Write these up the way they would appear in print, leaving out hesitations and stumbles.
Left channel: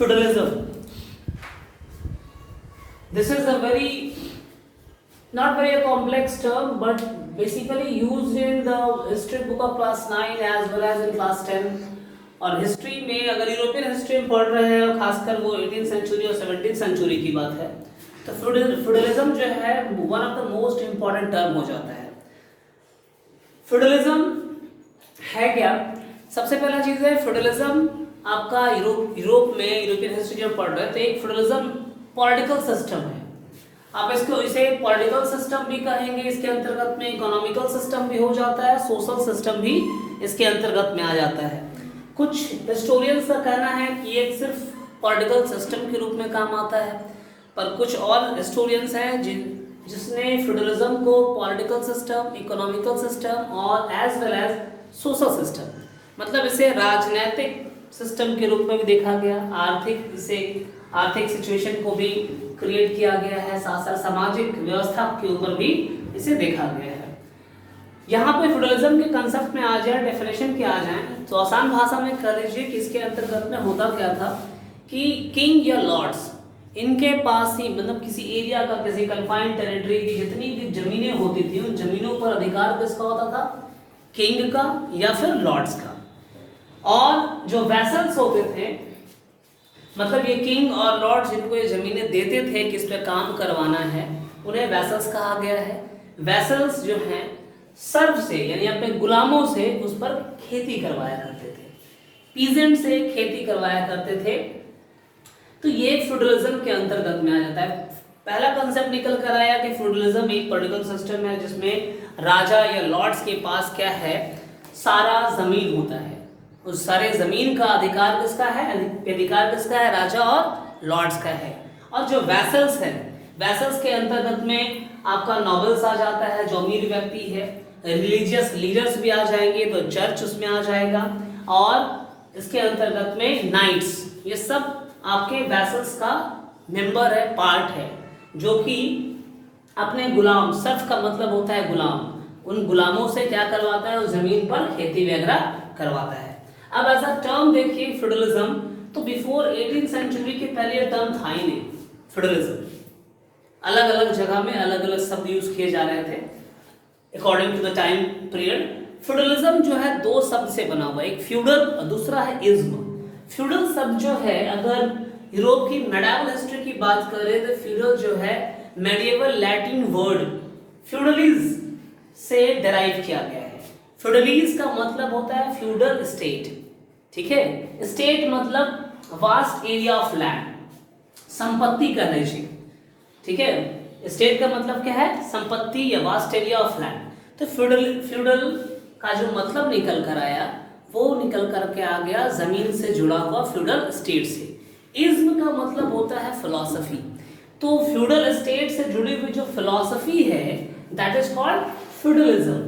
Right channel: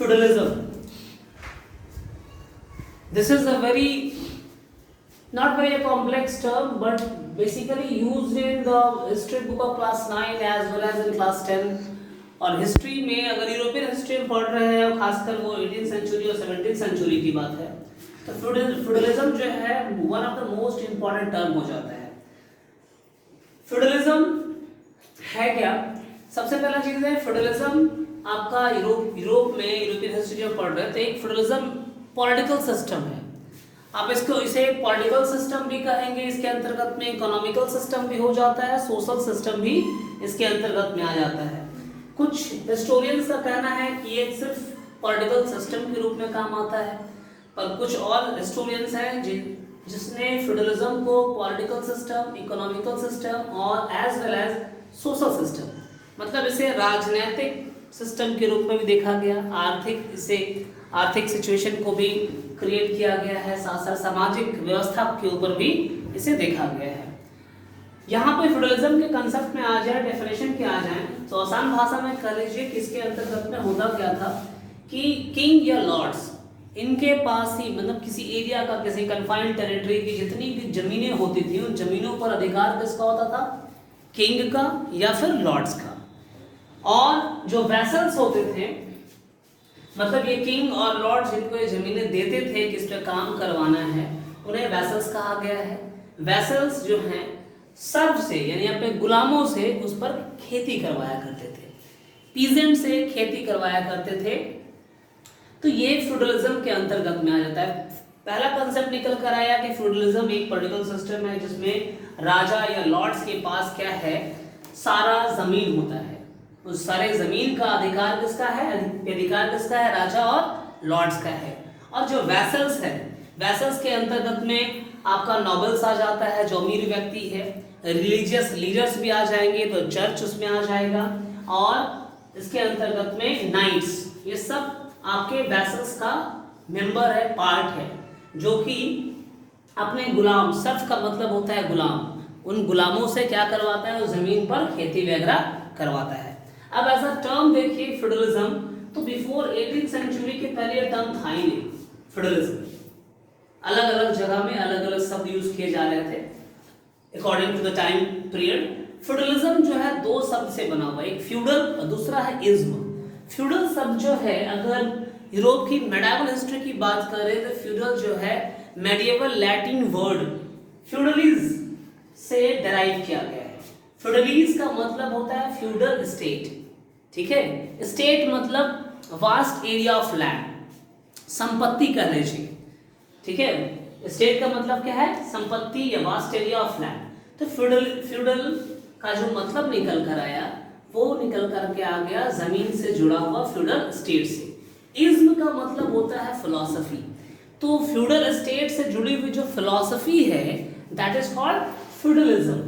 Feudalism. This is a very not very a complex term, but basically used in the history book of class 9 as well as in class 10. और history में अगर European history में पढ़ रहे हैं और खासकर वो 18th सेंचुरी और 17th सेंचुरी की बात है तो फ्यूडलिज्म जो है one of the most important term हो जाता है। फ्यूडलिज्म है क्या? सबसे पहला चीज है फ्यूडलिज्म आपका यूरोप में यूरोपियन हिस्ट्री में पढ़ रहे थे। एक फ्यूडलिज्म पॉलिटिकल सिस्टम है, आप इसको इसे पॉलिटिकल सिस्टम भी कहेंगे, इसके अंतर्गत में इकोनॉमिकल सिस्टम भी हो जाता है, सोशल सिस्टम भी इसके अंतर्गत में आ जाता है। कुछ हिस्टोरियंस का कहना है कि ये सिर्फ पॉलिटिकल सिस्टम के रूप में काम आता है, पर कुछ और हिस्टोरियंस हैं जिसने फ्यूडलिज्म को पॉलिटिकल सिस्टम, इकोनॉमिकल सिस्टम और as well as social system, मतलब इसे राजनीतिक सिस्टम के रूप में भी देखा गया, आर्थिक सिचुएशन को भी क्रिएट किया गया है, साथ साथ सामाजिक व्यवस्था के ऊपर भी इसे देखा गया है। यहाँ पे फ्यूडलिज्म के कंसेप्ट में आ जाए, डेफिनेशन के आ जाए तो आसान भाषा में कर लीजिए कि इसके अंतर्गत में होता क्या था कि किंग या लॉर्ड्स इनके पास ही मतलब किसी एरिया का, किसी कन्फाइंड टेरिटरी की जितनी भी जमीनें होती थी उन जमीनों पर अधिकार किसका होता था? किंग का या फिर लॉर्ड्स का। और जो वैसल्स होते थे, मतलब ये किंग और लॉर्ड जिनको ये जमीनें देते थे किस पे काम करवाना है, उन्हें वैसल्स कहा गया है। वैसल्स जो हैं सर्व से यानी अपने गुलामों से उस पर खेती करवाया करते थे, पीजेंट से खेती करवाया करते थे। तो ये फ्यूडलिज्म के अंतर्गत में आ जाता है। पहला कंसेप्ट निकल कर आया कि फ्यूडलिज्म एक पॉलिटिकल सिस्टम है जिसमें राजा या लॉर्ड्स के पास क्या है, सारा जमीन होता है, उस सारे जमीन का अधिकार किसका है? अधिकार किसका है? राजा और लॉर्ड्स का है। और जो वैसल्स है, वैसल्स के अंतर्गत में आपका नोबल्स आ जाता है जो अमीर व्यक्ति है, रिलीजियस लीडर्स भी आ जाएंगे तो चर्च उसमें आ जाएगा, और इसके अंतर्गत में नाइट्स, ये सब आपके वैसल्स का मेंबर है, पार्ट है, जो कि अपने गुलाम, सर्फ का मतलब होता है गुलाम, उन गुलामों से क्या करवाता है? उस जमीन पर खेती वगैरह करवाता है। अब ऐसा टर्म देखिए फ्यूडलिज्म, तो बिफोर 18th सेंचुरी के पहले टर्म था ही नहीं फ्यूडलिज्म। अलग अलग जगह में अलग अलग शब्द यूज किए जा रहे थे according to the time period. Feudalism जो है दो शब्द से बना हुआ है, एक फ्यूडल और दूसरा है इज्म। फ्यूडल शब्द जो है, अगर यूरोप की मेडिवल हिस्ट्री की बात करें तो फ्यूडल जो है मेडिएवल लैटिन वर्ड फ्यूडलिज से डेराइव किया गया है। फ्यूडलिज का मतलब होता है फ्यूडल स्टेट, ठीक है। स्टेट मतलब वास्ट एरिया ऑफ लैंड, संपत्ति कह लीजिए, ठीक है। स्टेट का मतलब क्या है? संपत्ति या वास्ट एरिया ऑफ लैंड। तो फ्यूडल का जो मतलब निकल कर आया वो निकल करके आ गया जमीन से जुड़ा हुआ फ्यूडल स्टेट से। इज्म का मतलब होता है फिलॉसफी, तो फ्यूडल स्टेट से जुड़ी हुई जो फिलॉसफी है दैट इज कॉल्ड फ्यूडलिज्म।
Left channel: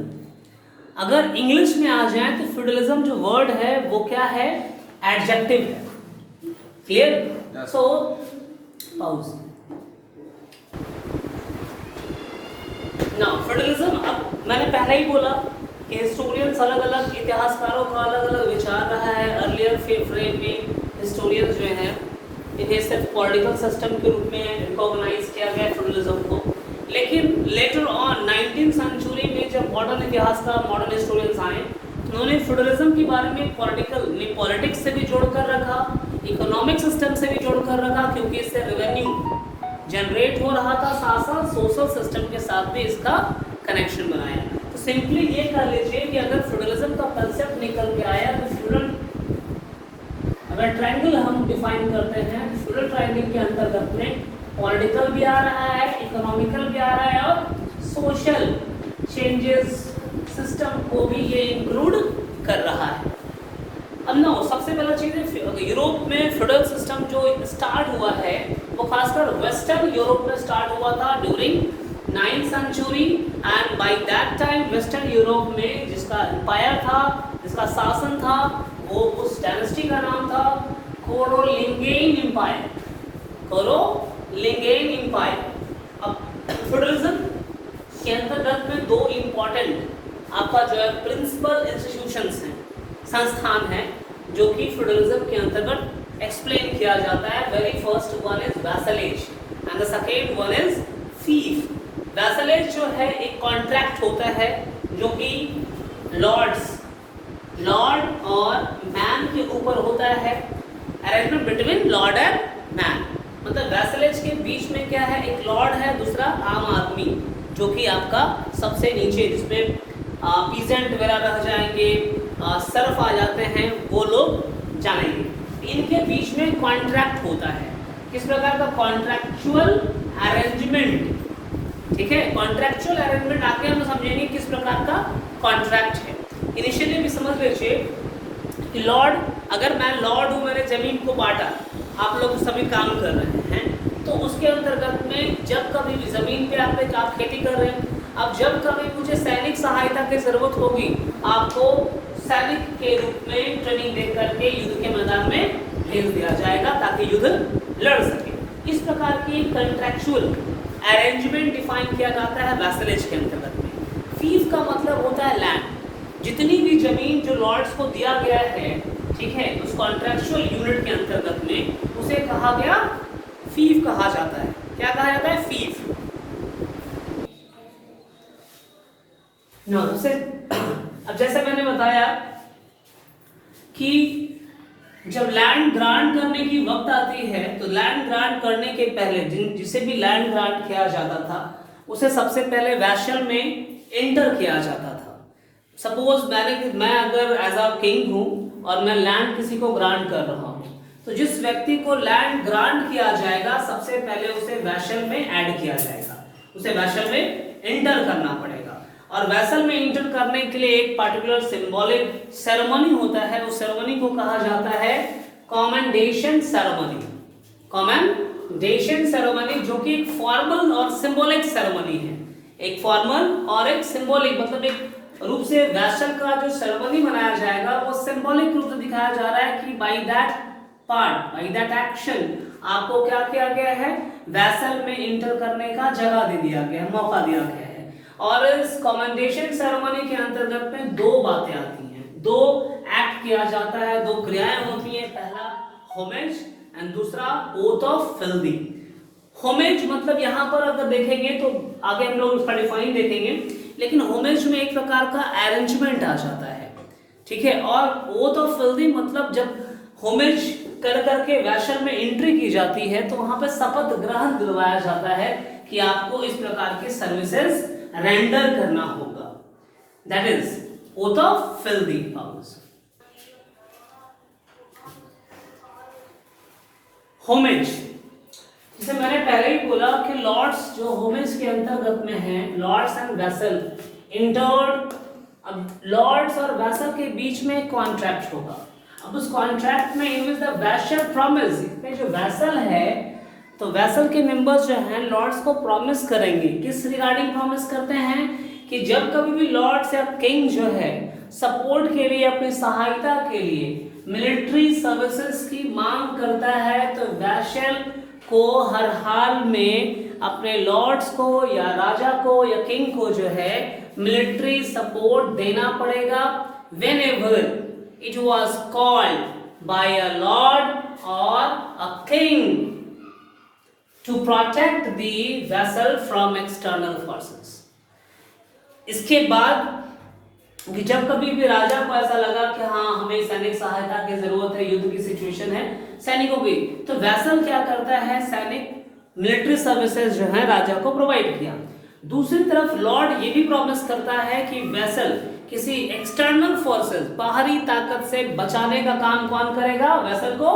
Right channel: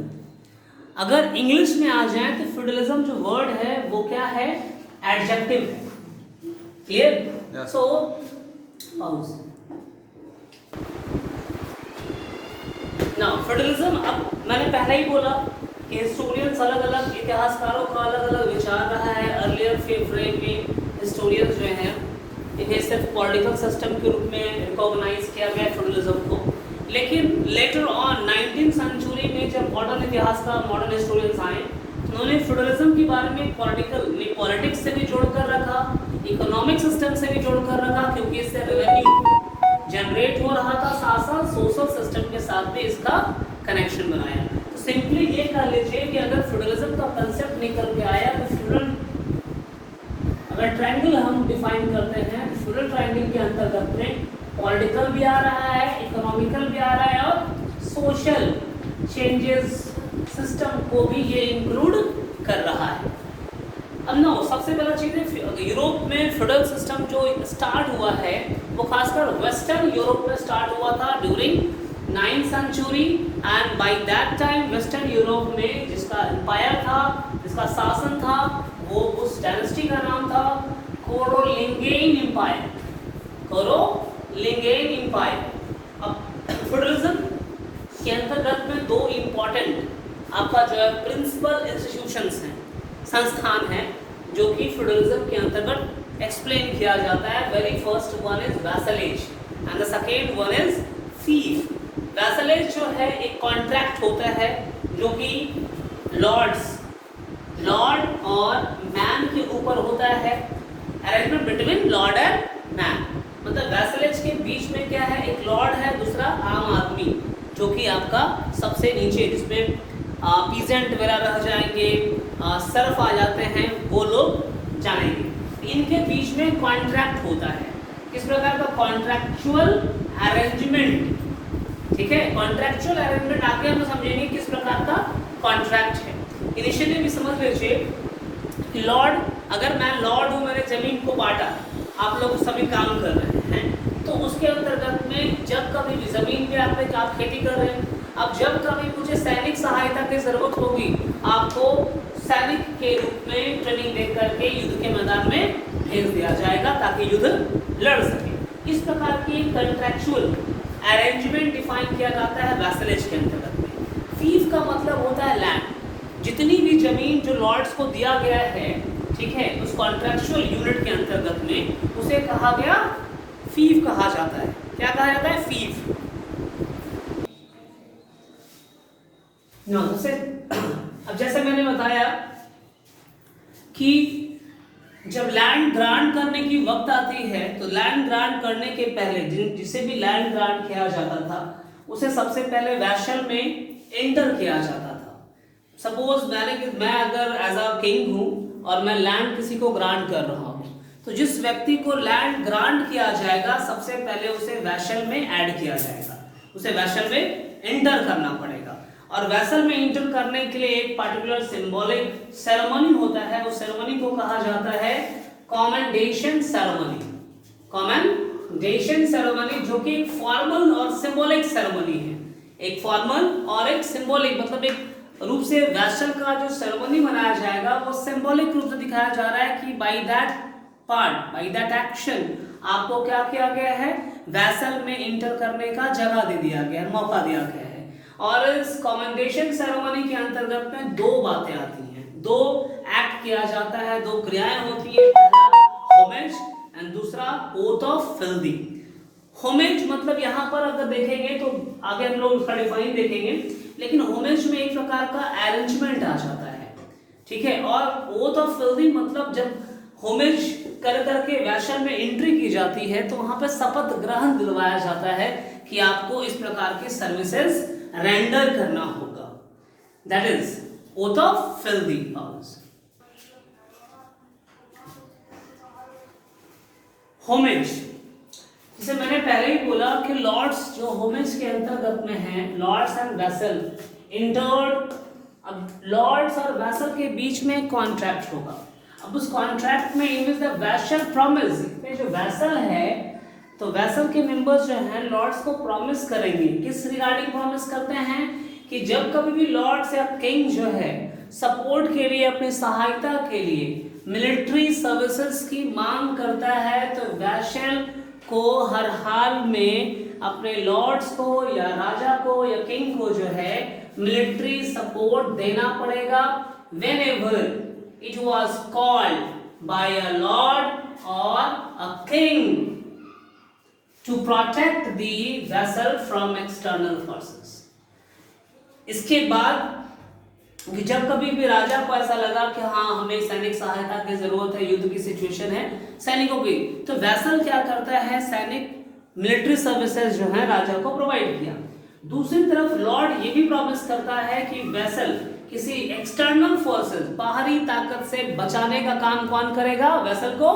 अगर इंग्लिश में आ जाए तो फ्यूडलिज्म जो वर्ड है वो क्या है? एडजेक्टिव है। क्लियर? सो पाउज नाउ फ्यूडलिज्म। अब मैंने पहले ही बोला कि हिस्टोरियंस अलग अलग, इतिहासकारों का अलग अलग विचार रहा है। अर्लियर फ्रेम में हिस्टोरियंस जो है इन्हें सिर्फ पॉलिटिकल सिस्टम के रूप में रिकॉग्नाइज किया गया फ्यूडलिज्म को, लेकिन लेटर ऑन 19th सेंचुरी में जब मॉडर्न इतिहासकार, मॉडर्न हिस्टोरियंस आए, उन्होंने फ्यूडलिज्म के बारे में पॉलिटिक्स से भी जोड़कर रखा, इकोनॉमिक सिस्टम से भी जोड़कर रखा, क्योंकि इससे रेवेन्यू जनरेट हो रहा था, साथ साथ सोशल सिस्टम के साथ भी इसका कनेक्शन बनाया। तो सिंपली ये कर लीजिए कि अगर फ्यूडलिज्म का कंसेप्ट निकल के आया तो फ्यूडल, अगर ट्रायंगल हम डिफाइन करते हैं तो फ्यूडल ट्रायंगल के अंतर्गत में पॉलिटिकल भी आ रहा है, इकोनॉमिकल भी आ रहा है और सोशल चेंजेस सिस्टम को भी ये इंक्लूड कर रहा है। अब ना सबसे पहला चीज है यूरोप में फ्यूडल सिस्टम जो स्टार्ट हुआ है वो खासकर वेस्टर्न यूरोप में स्टार्ट हुआ था during 9th century, and by that time western Europe में जिसका एम्पायर था, जिसका शासन था, वो उस डायनेस्टी का नाम था कैरोलिंगियन एम्पायर। Carolingian empire. अब फ्यूडलिज्म के अंतर्गत में दो इम्पोर्टेंट आपका जो है प्रिंसिपल इंस्टीट्यूशंस हैं, संस्थान हैं, जो कि फ्यूडलिज्म के अंतर्गत एक्सप्लेन किया जाता है। वेरी फर्स्ट वन इज वैसलेज and the second one is फीफ। वैसलेज जो है एक कॉन्ट्रैक्ट होता है जो कि लॉर्ड और मैन के ऊपर होता है, arrangement between Lord and man. मतलब वैसलेज के बीच में क्या है, एक लॉर्ड है, दूसरा आम आदमी जो कि आपका सबसे नीचे, जिसमें पीजेंट वगैरह रह जाएंगे, सर्फ आ जाते हैं, वो लोग जानेंगे। इनके बीच में कॉन्ट्रैक्ट होता है। किस प्रकार का कॉन्ट्रैक्चुअल अरेंजमेंट, ठीक है। कॉन्ट्रैक्चुअल अरेंजमेंट आगे हम समझेंगे किस प्रकार का कॉन्ट्रैक्ट है। इनिशियली भी समझ लीजिए लॉर्ड, अगर मैं लॉर्ड हूँ, मैंने जमीन को बांटा, आप लोग सभी काम कर रहे हैं, तो उसके अंतर्गत में जब कभी भी जमीन पे आप खेती कर रहे हैं, अब जब कभी मुझे सैनिक सहायता की जरूरत होगी, आपको सैनिक के रूप में ट्रेनिंग दे करके युद्ध के मैदान में भेज दिया जाएगा ताकि युद्ध लड़ सके। इस प्रकार की कॉन्ट्रैक्चुअल अरेंजमेंट डिफाइन किया जाता है वैसलेज के अंतर्गत में। फीफ का मतलब होता है लैंड। जितनी भी जमीन जो लॉर्ड्स को दिया गया है, ठीक है, उस कॉन्ट्रैक्चुअल यूनिट के अंतर्गत में उसे कहा गया फीफ कहा जाता है। क्या कहा जाता है? फीफ। अब जैसे मैंने बताया कि जब लैंड ग्रांट करने की वक्त आती है, तो लैंड ग्रांट करने के पहले जिसे भी लैंड ग्रांट किया जाता था, उसे सबसे पहले वैशल में एंटर किया जाता था। सपोज मैं अगर एज अ किंग हूं और मैं लैंड किसी को ग्रांट कर रहा हूं, तो जिस व्यक्ति को लैंड ग्रांट किया जाएगा, सबसे पहले उसे वैशल में ऐड किया जाएगा, उसे वैशल में एंटर करना पड़ेगा। और वैसल में एंटर करने के लिए एक पर्टिकुलर सिंबॉलिक सेरेमनी होता है, उस सेरेमनी को कहा जाता है कमेंडेशन सेरेमनी। कमेंडेशन सेरेमनी जो कि एक फॉर्मल और सिंबॉलिक सेरेमनी है। एक फॉर्मल और एक सिंबॉलिक, मतलब एक रूप से वैसल का जो सेरेमनी मनाया जाएगा वो सिंबॉलिक रूप से दिखाया जा रहा है कि by that part, by that action आपको क्या किया गया है, वैसल में एंटर करने का जगह दे दिया गया है, मौका दिया गया है। और इस कमेंडेशन सेरेमनी के अंतर्गत में दो बातें आती हैं, दो एक्ट किया जाता है, दो क्रियाएं होती है। पहला होमेज एंड दूसरा ओथ ऑफ फिल्दी। होमेज मतलब यहाँ पर अगर देखेंगे तो आगे हम लोग उसका डिफाइन देखेंगे, लेकिन होमेज में एक प्रकार का अरेंजमेंट आ जाता है, ठीक है। और ओथ ऑफ फिल्दी मतलब जब होमेज कर करके वैशल में एंट्री की जाती है, तो वहां पर शपथ ग्रहण दिलवाया जाता है कि आपको इस प्रकार की सर्विसेज रेंडर करना होगा। That is oath of filthy house. Homage, जैसे मैंने पहले ही बोला कि लॉर्ड्स जो होमेज के अंतर्गत में है, लॉर्ड्स एंड वैसल इंटर्ड। अब लॉर्ड्स और वैसल के बीच में कॉन्ट्रैक्ट होगा। अब उस कॉन्ट्रैक्ट में इन द वैशल प्रॉमिस, इसमें जो वैसल है, तो वैसल के मेंबर्स जो हैं लॉर्ड्स को प्रॉमिस करेंगे। किस रिगार्डिंग प्रॉमिस करते हैं कि जब कभी भी लॉर्ड्स या किंग जो है सपोर्ट के लिए, अपनी सहायता के लिए मिलिट्री सर्विसेज की मांग करता है, तो वैशल को हर हाल में अपने लॉर्ड्स को या राजा को या किंग को जो है मिलिट्री सपोर्ट देना पड़ेगा। whenever it was called by a lord or a king to protect the vessel from external forces। इसके बाद जब कभी भी राजा को ऐसा लगा कि हाँ हमें सैनिक सहायता की जरूरत है, युद्ध की सिचुएशन है सैनिकों की, तो वैसल क्या करता है, सैनिक मिलिट्री सर्विसेज जो है राजा को प्रोवाइड किया। दूसरी तरफ लॉर्ड ये भी प्रॉमिस करता है कि वैसल किसी एक्सटर्नल फोर्सेस, बाहरी ताकत से बचाने का काम कौन करेगा, वैसल को,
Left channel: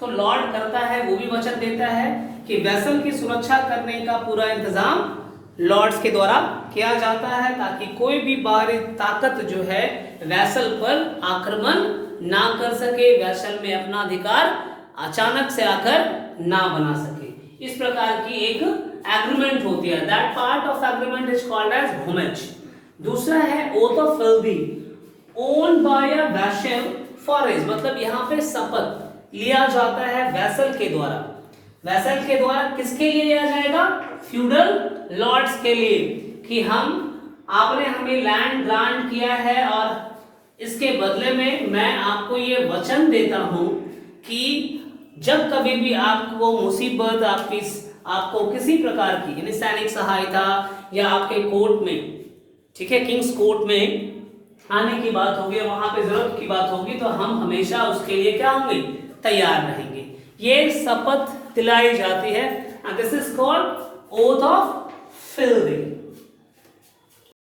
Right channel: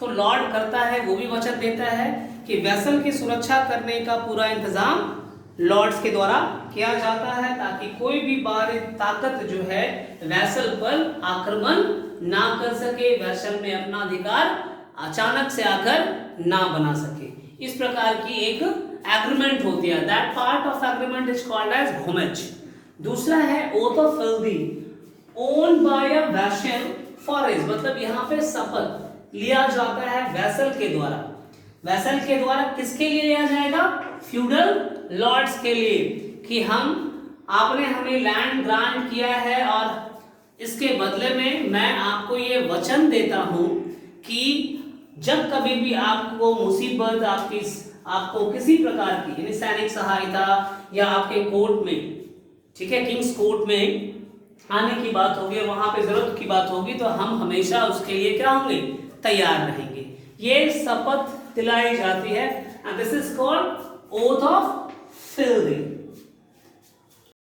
तो लॉर्ड करता है, वो भी वचन देता है कि वैसल की सुरक्षा करने का पूरा इंतजाम लॉर्ड्स के द्वारा किया जाता है, ताकि कोई भी बाहरी ताकत जो है वैसल पर आक्रमण ना कर सके, वैसल में अपना अधिकार अचानक से आकर ना बना सके। इस प्रकार की एक एग्रीमेंट होती है। That part of agreement is called as homage. दूसरा है oath of fealty, own by a vassal for as, मतलब यहाँ पे शपथ लिया जाता है वैसल के द्वारा। वैसल के द्वारा किसके लिए लिया जाएगा, फ्यूडल लॉर्ड्स के लिए, कि आपने हमें लैंड ग्रांट किया है और इसके बदले में मैं आपको ये वचन देता हूं कि जब कभी भी आपको मुसीबत आपको किसी प्रकार की यानी सैनिक सहायता या आपके कोर्ट में, ठीक है, किंग्स कोर्ट में आने की बात होगी, वहां पे जरूरत की बात होगी, तो हम हमेशा उसके लिए क्या होंगे, तैयार रहेंगे। ये शपथ दिलाई जाती है, this is called oath of fielding.